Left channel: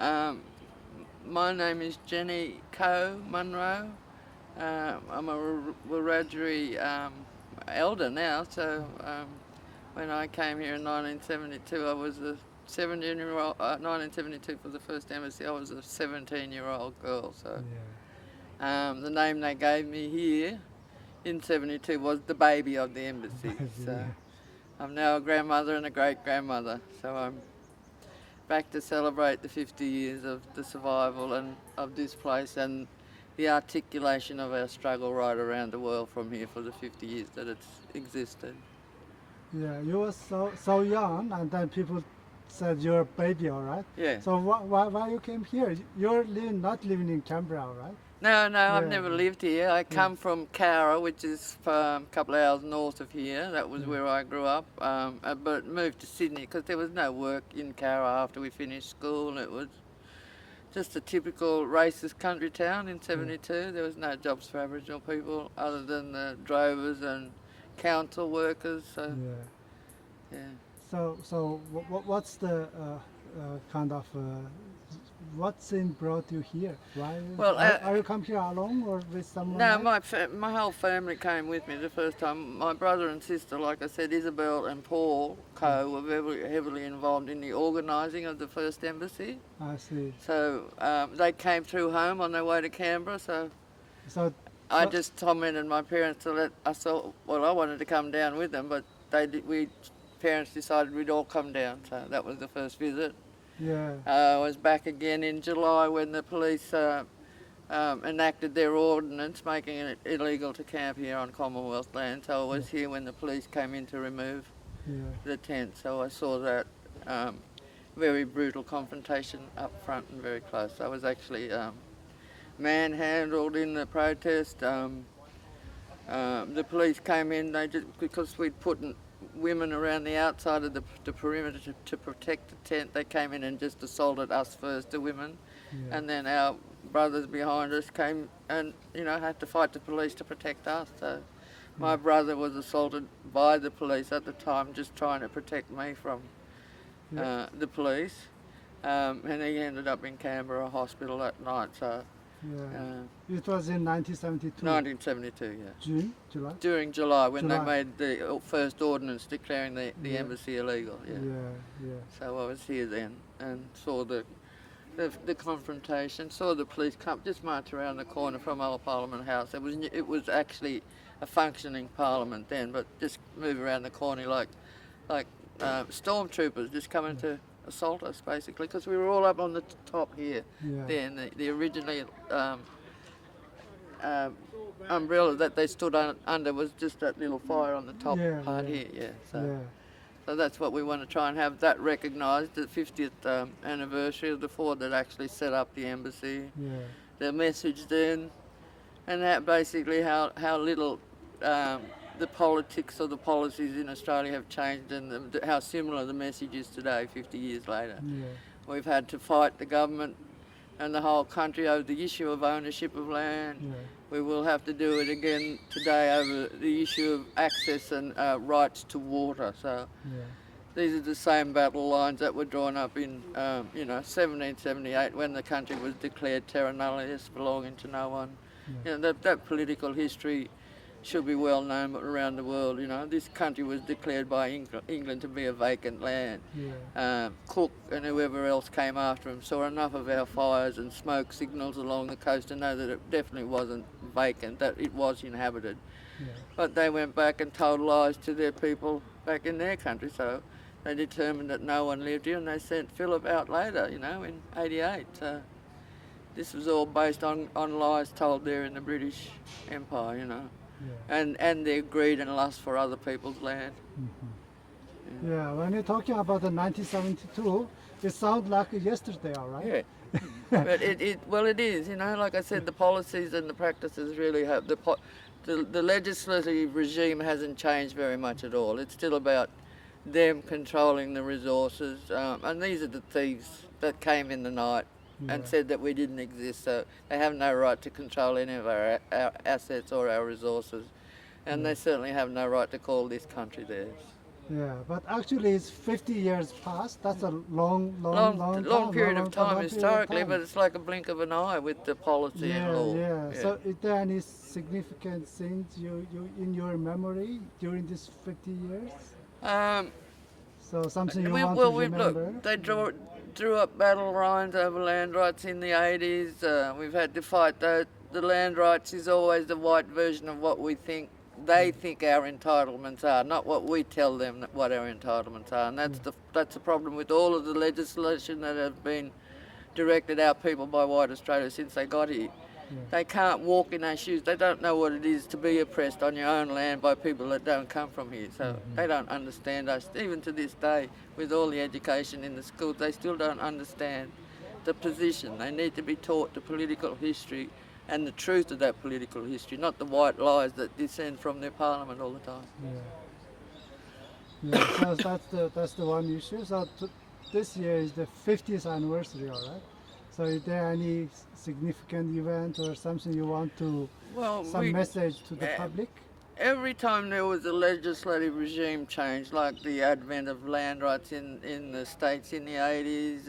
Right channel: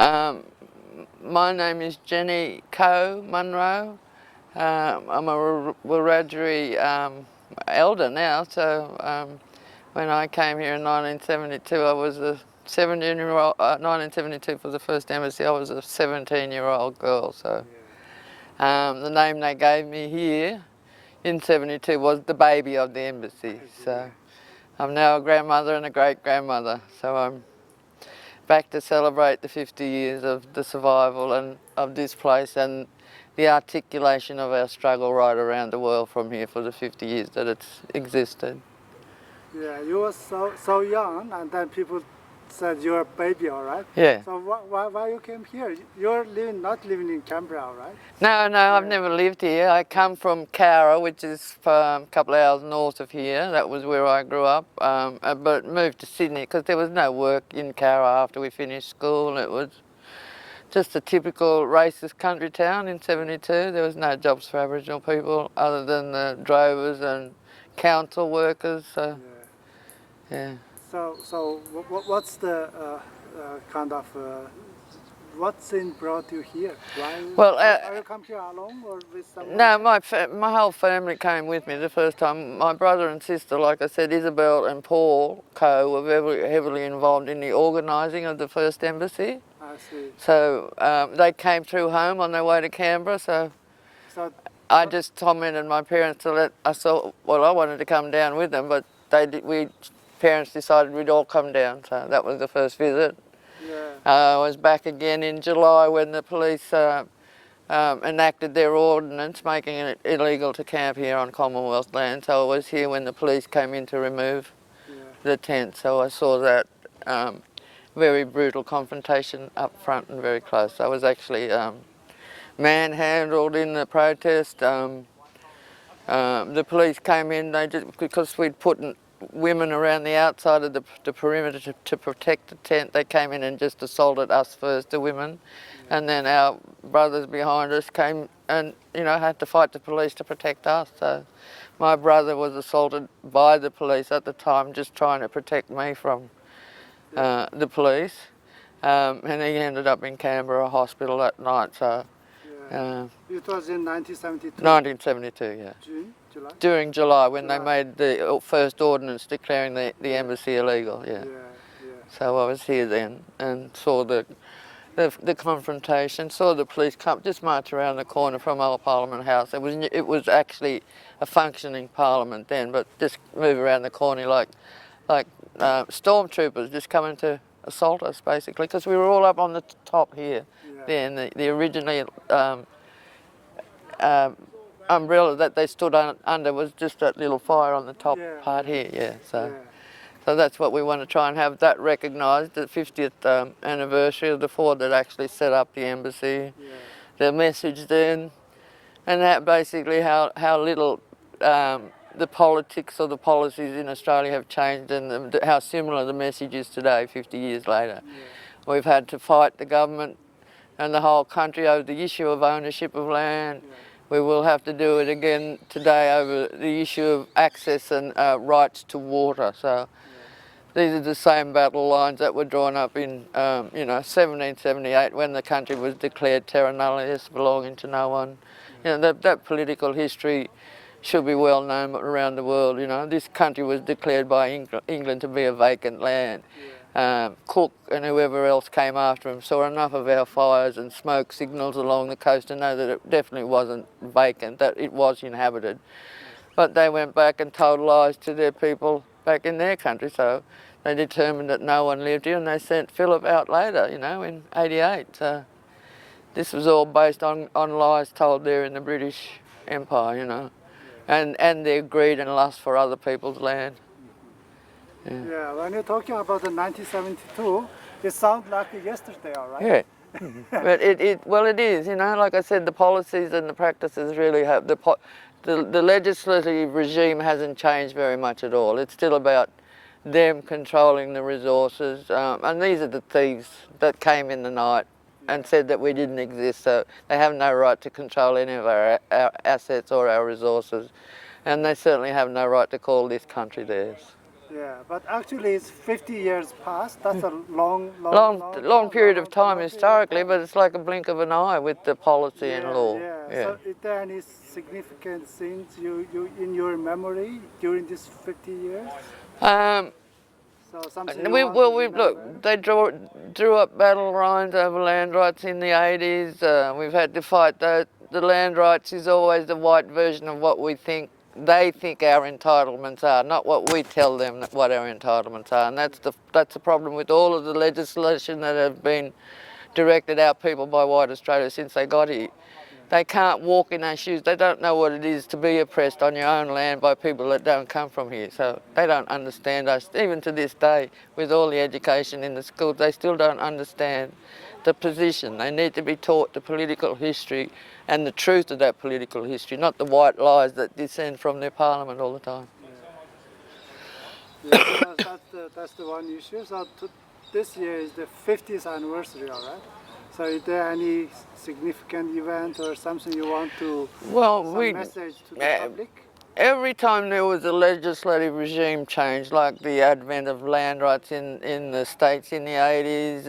Um, my name is Jenny Coe Munro. I'm a Wiradjuri elder now, so when I came here in 1972, I was a 17-year-old. 1972 for the first embassy, I was a 17-year-old girl. So the name they gave me here in 72 was the baby of the embassy. So I'm now a grandmother and a great-grandmother. So I'm back to celebrate the 50 years of the survival and of this place and the articulation of our struggle right around the world from here for the 50 years that it's existed. Yeah, you were so young, and then people said you're a baby, all right? Yeah. So why you came here? You're not living in Canberra, right? No, I've never lived here. I come from Canberra, which is a couple of hours north of here. That was where I grew up, but moved to Sydney because there was no work in Canberra after we finished school. It was just a typical racist country town in 72. There was no jobs for Aboriginal people other than the drovers and council workers. So, yeah. So what's the kind of what thing brought you here? Why? Well, are you come here alone or with someone? No, my whole family came with me the first time. My brother and sister, like I said, Isabel and Paul Coe, were very heavily involved in the organising of the first embassy. I see. So they came through home on their way to Canberra. So I just tormented my parents to let. I wanted to come down with them, but parents decided we'd all come down. So that was the first visit. Yeah. I was back again in July when the police enacted their ordinance making it illegal to camp here on Commonwealth land. So I was here when the police came in to remove the tent. So I saw that very brutal confrontation up front and very close. I was actually manhandled in the protest. The police came in, because we'd put women around the outside of the perimeter to protect the tent. They came in and just assaulted us first, the women, and then our brothers behind us came and had to fight the police to protect us. So my brother was assaulted by the police at the time, just trying to protect me from the police, and he ended up in Canberra hospital that night. So. It was in 1972? 1972, yeah. June? July? During July, when they made the first ordinance declaring the embassy illegal, So I was here then and saw the confrontation, saw the police come, just march around the corner from Old Parliament House. It was actually a functioning parliament then, but just move around the corner like stormtroopers just coming to assault us, basically, because we were all up on the top here. Then the originally umbrella that they stood under was just that little fire on the top part here. So that's what we want to try and have that recognised, the 50th anniversary of the Ford that actually set up the embassy, the message then, and that basically how little the politics or the policies in Australia have changed and how similar the message is today, 50 years later. We've had to fight the government and the whole country over the issue of ownership of land. We will have to do it again today over the issue of access and rights to water. So these are the same battle lines that were drawn up in 1778 when the country was declared terra nullius, belonging to no one. That political history should be well known around the world. This country was declared by England to be a vacant land. Cook and whoever else came after him saw enough of our fires and smoke signals along the coast to know that it definitely wasn't vacant, that it was inhabited. But they went back and told lies to their people back in their country, so they determined that no one lived here, and they sent Phillip out later, in 88. So this was all based on lies told there in the British Empire, and their greed and lust for other people's land. When you're talking about the 1972, it sounds like yesterday, all right? But it is, like I said, the policies and the practices really have, the legislative regime hasn't changed very much at all. It's still about them controlling the resources, and these are the thieves that came in the night and said that we didn't exist, so they have no right to control any of our assets or our resources, and they certainly have no right to call this country theirs. Yeah, but actually it's 50 years past. That's a long period of time period of historically, time. but it's like a blink of an eye with the policy and law. Yeah. So is there any significant things you in your memory during these 50 years? Um, So something you we, want well, to we remember? look. They drew up battle lines over land rights in the 80s. We've had to fight the land rights is always the white version of what we think they think our entitlements are, not what we tell them what our entitlements are. And that's the problem with all of the legislation that have been directed our people by white Australia since they got here. They can't walk in those shoes. They don't know what it is to be oppressed on your own land by people that don't come from here. So they don't understand us. Even to this day, with all the education in the schools, they still don't understand the position. They need to be taught the political history and the truth of that political history, not the white lies that descend from their parliament all the time. Yeah, that's the one issue. So this year is the 50th anniversary, all right? So is there any significant event or something you want to, some message to the public? Every time there was a legislative regime change, like the advent of land rights in the states in the 80s,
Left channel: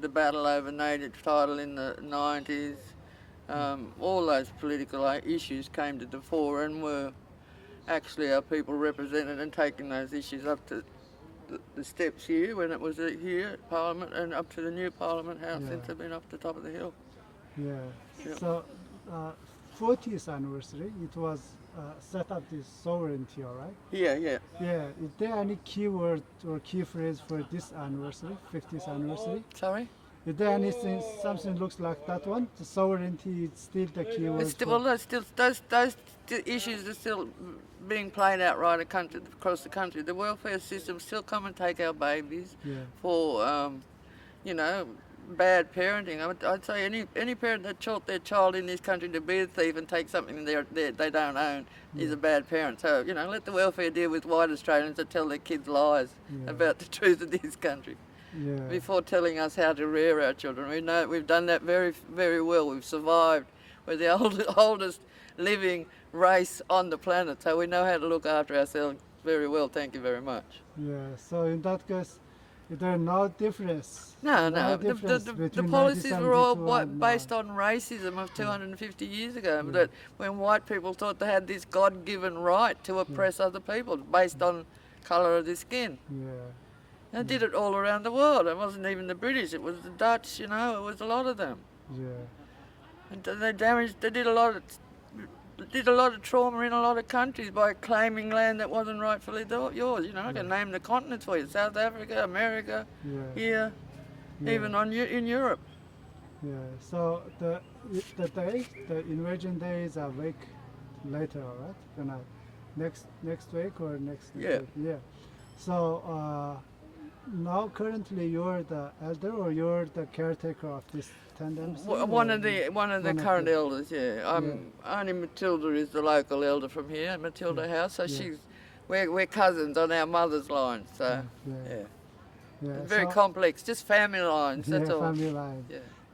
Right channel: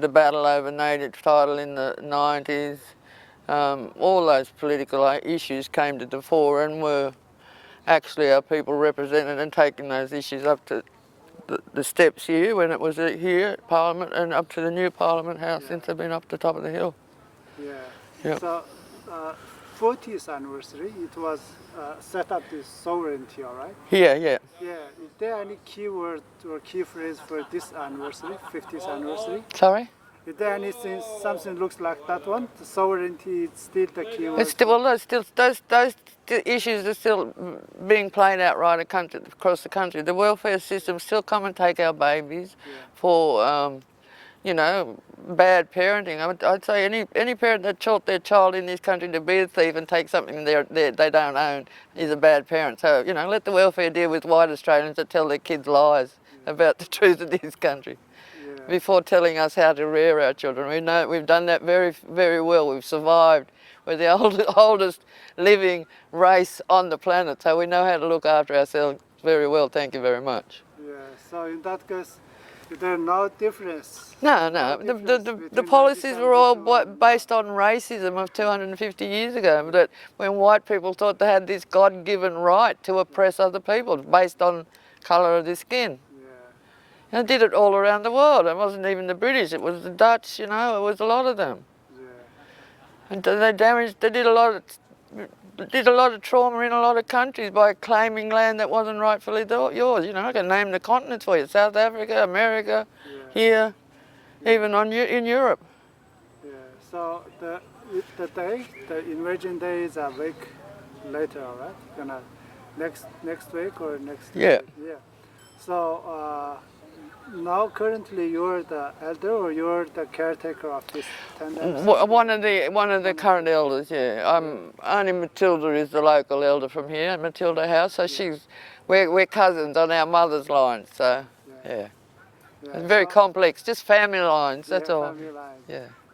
the battle over native title in the 90s, all those political issues came to the fore and were actually our people represented and taking those issues up to the steps here when it was here at Parliament and up to the new Parliament House since they've been up the top of the hill. Yeah. Yep. So 40th anniversary, it was set up this sovereignty, all right? Yeah. Yeah. Is there any key word or key phrase for this anniversary, 50th anniversary? Sorry? Is there anything, something looks like that one? The sovereignty is still the key word? It's still, those issues are still being played out right across the country. The welfare system still come and take our babies for, you know, bad parenting. I'd say any parent that taught their child in this country to be a thief and take something they don't own is a bad parent. So, you know, let the welfare deal with white Australians that tell their kids lies about the truth of this country. Before telling us how to rear our children. We know we've done that very, very well. We've survived. We're the oldest living race on the planet, so we know how to look after ourselves very well. Thank you very much. Yeah. So in that case, there's no difference. No. The policies were all based on racism of 250 years ago. That when white people thought they had this God-given right to oppress other people based on colour of their skin. And did it all around the world. It wasn't even the British, it was the Dutch, you know, it was a lot of them. And they did a lot of trauma in a lot of countries by claiming land that wasn't rightfully yours. You know, I can name the continents for you, South Africa, America, here, even in Europe. So the invasion day is a week later, all right? Next week or next week? Yeah. So now currently you're the elder or you're the caretaker of this tender? One of the current elders, Only Matilda is the local elder from here at Matilda House, so we're cousins on our mother's line, so it's very complex, just family lines, that's all. Family lines.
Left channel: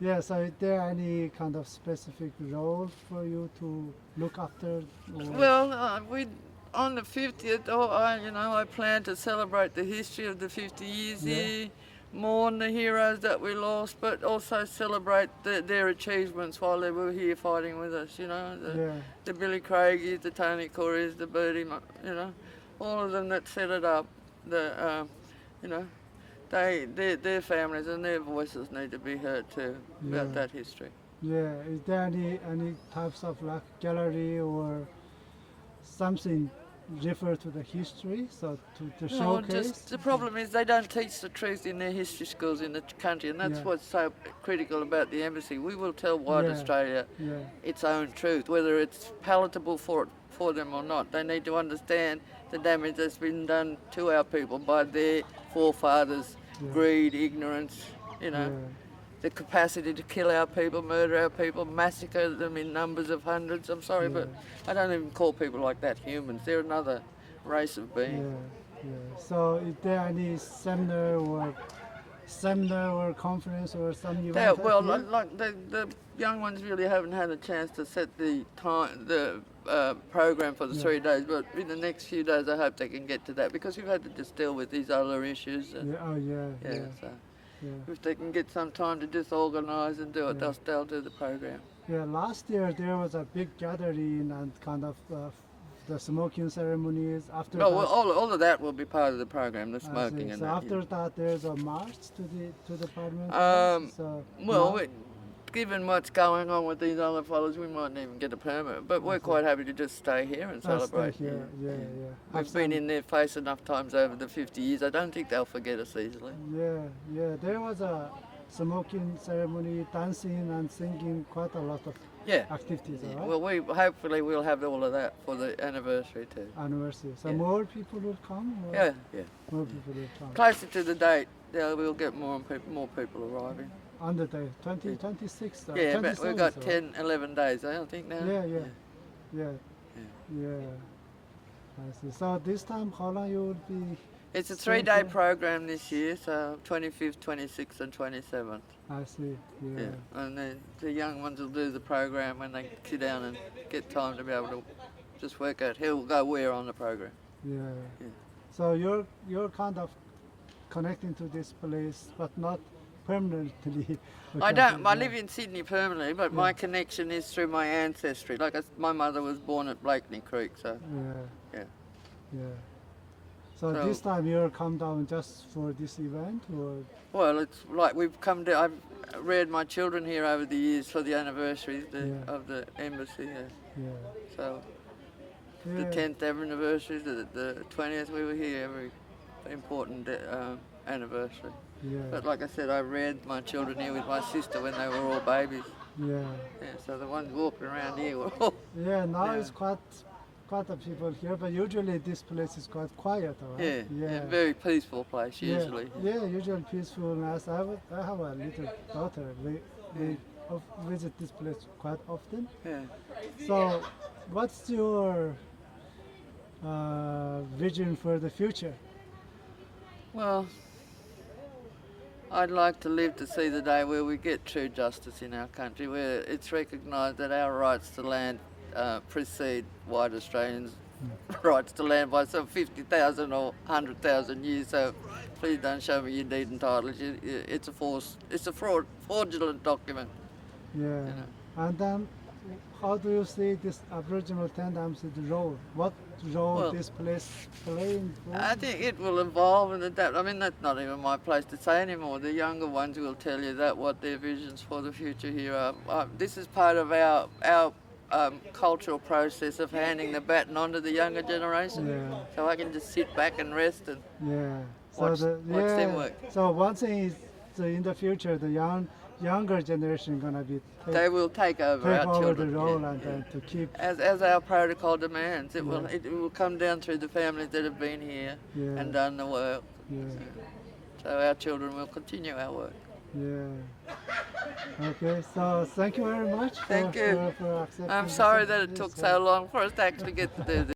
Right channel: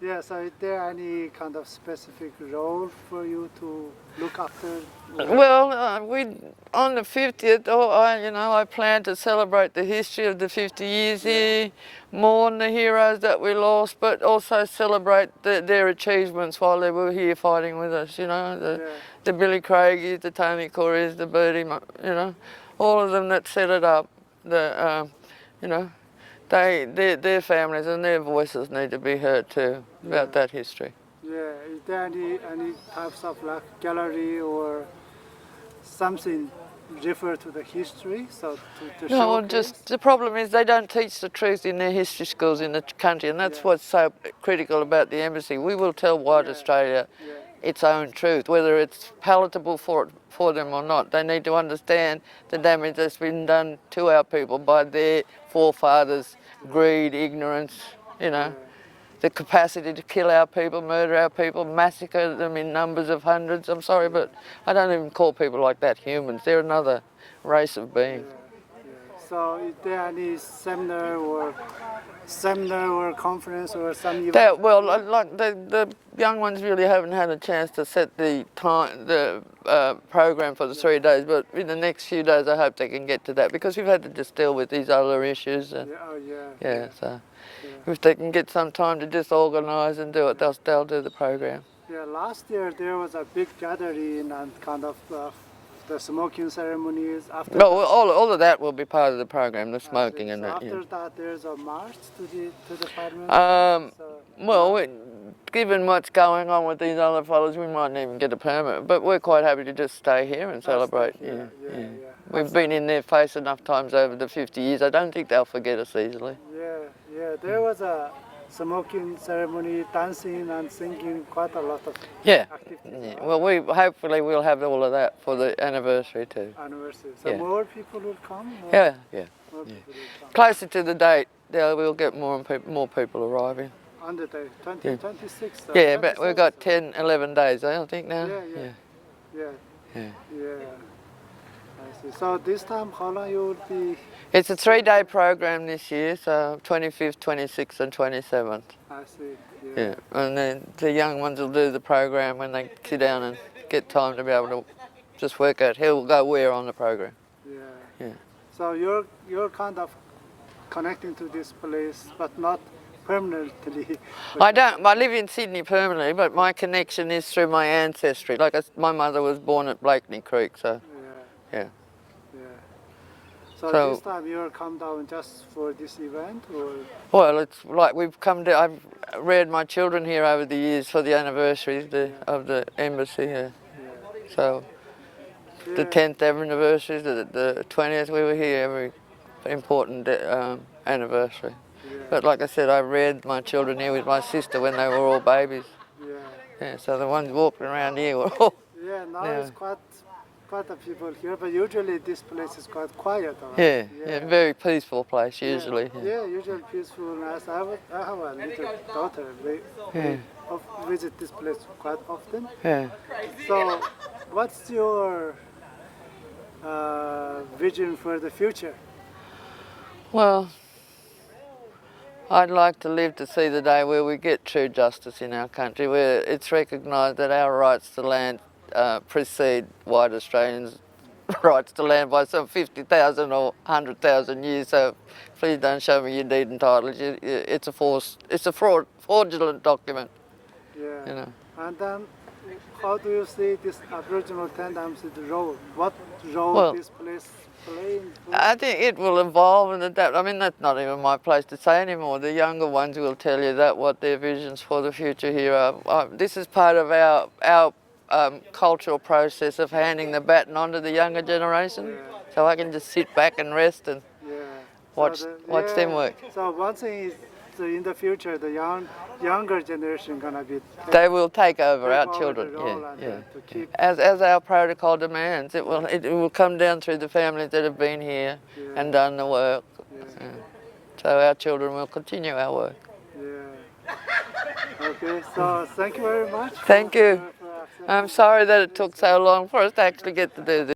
Yeah, so is there any kind of specific role for you to look after? Well, on the 50th, I plan to celebrate the history of the 50 years here, mourn the heroes that we lost, but also celebrate their achievements while they were here fighting with us, you know, the Billy Craigies, the Tony Corys, the Birdie, you know, all of them that set it up, you know, their families and their voices need to be heard too about that history. Yeah, is there any types of like gallery or something refer to the history? So to no, well, just the problem is they don't teach the truth in their history schools in the country, and that's what's so critical about the embassy. We will tell white Australia its own truth, whether it's palatable for them or not. They need to understand the damage that's been done to our people by their forefathers. Greed, ignorance, you know, the capacity to kill our people, murder our people, massacre them in numbers of hundreds. I'm sorry, but I don't even call people like that humans. They're another race of beings. So is there any seminar or seminar or conference or some event? Well, like the young ones really haven't had a chance to set the time, the program for the 3 days. But in the next few days, I hope they can get to that because we've had to just deal with these other issues. And, so if they can get some time to just organise and do it, they'll do the program. Yeah, last year there was a big gathering and kind of the smoking ceremonies. After No, all of that will be part of the program, the smoking and so that. after that, there's a march to the parliament. Well, given what's going on with these other fellows, we mightn't even get a permit. But we're quite happy to just stay here and celebrate. We've been in their face enough times over the 50 years. I don't think they'll forget us easily. Yeah. There was a smoking ceremony, dancing and singing, quite a lot of activities. Yeah. Well, hopefully we'll have all of that for the anniversary too. So more people will come? Yeah. More people will come. Closer to the date, we'll get more people arriving. On the day, 26. Yeah, but we've got 10, 11 days, I think now. Yeah. I see. So this time, how long you will be? It's a 3-day program this year, so 25th, 26th and 27th. I see, yeah. And then the young ones will do the program when they sit down and get time to be able to just work out who will go where on the program. Yeah. So you're kind of connecting to this place, but not permanently. I live in Sydney permanently, but my connection is through my ancestry. Like my mother was born at Blakeney Creek, so yeah. So this time you'll come down just for this event, or? Well, it's like we've come to. I've reared my children here over the years for the anniversary of the embassy. So the 10th anniversary, the 20th, we were here every important anniversary. But like I said, I reared my children here with my sister when they were all babies. So the ones walking around here were all. Now it's quite a people here, but usually this place is quite quiet. Right? Very peaceful place usually. Usually peaceful. Nice. I have a little daughter. We visit this place quite often. So, what's your vision for the future? Well, I'd like to live to see the day where we get true justice in our country, where it's recognised that our rights to land precede white Australians' rights to land by some 50,000 or 100,000 years. So please don't show me your deed and titles. It's a fraudulent document. And then, how do you see this Aboriginal Tendam's role? What role this place playing? I think it will evolve and adapt. I mean, that's not even my place to say anymore. The younger ones will tell you that what their visions for the future here are. This is part of our cultural process of handing the baton on to the younger generation. So I can just sit back and rest and watch them work. So one thing is, in the future, the younger generation gonna be. They will take over our children. To keep as our protocol demands, it will come down through the families that have been here and done the work. So our children will continue our work. Okay, so thank you very much. Thank you. I'm sorry that it took so long for us to actually get to do this.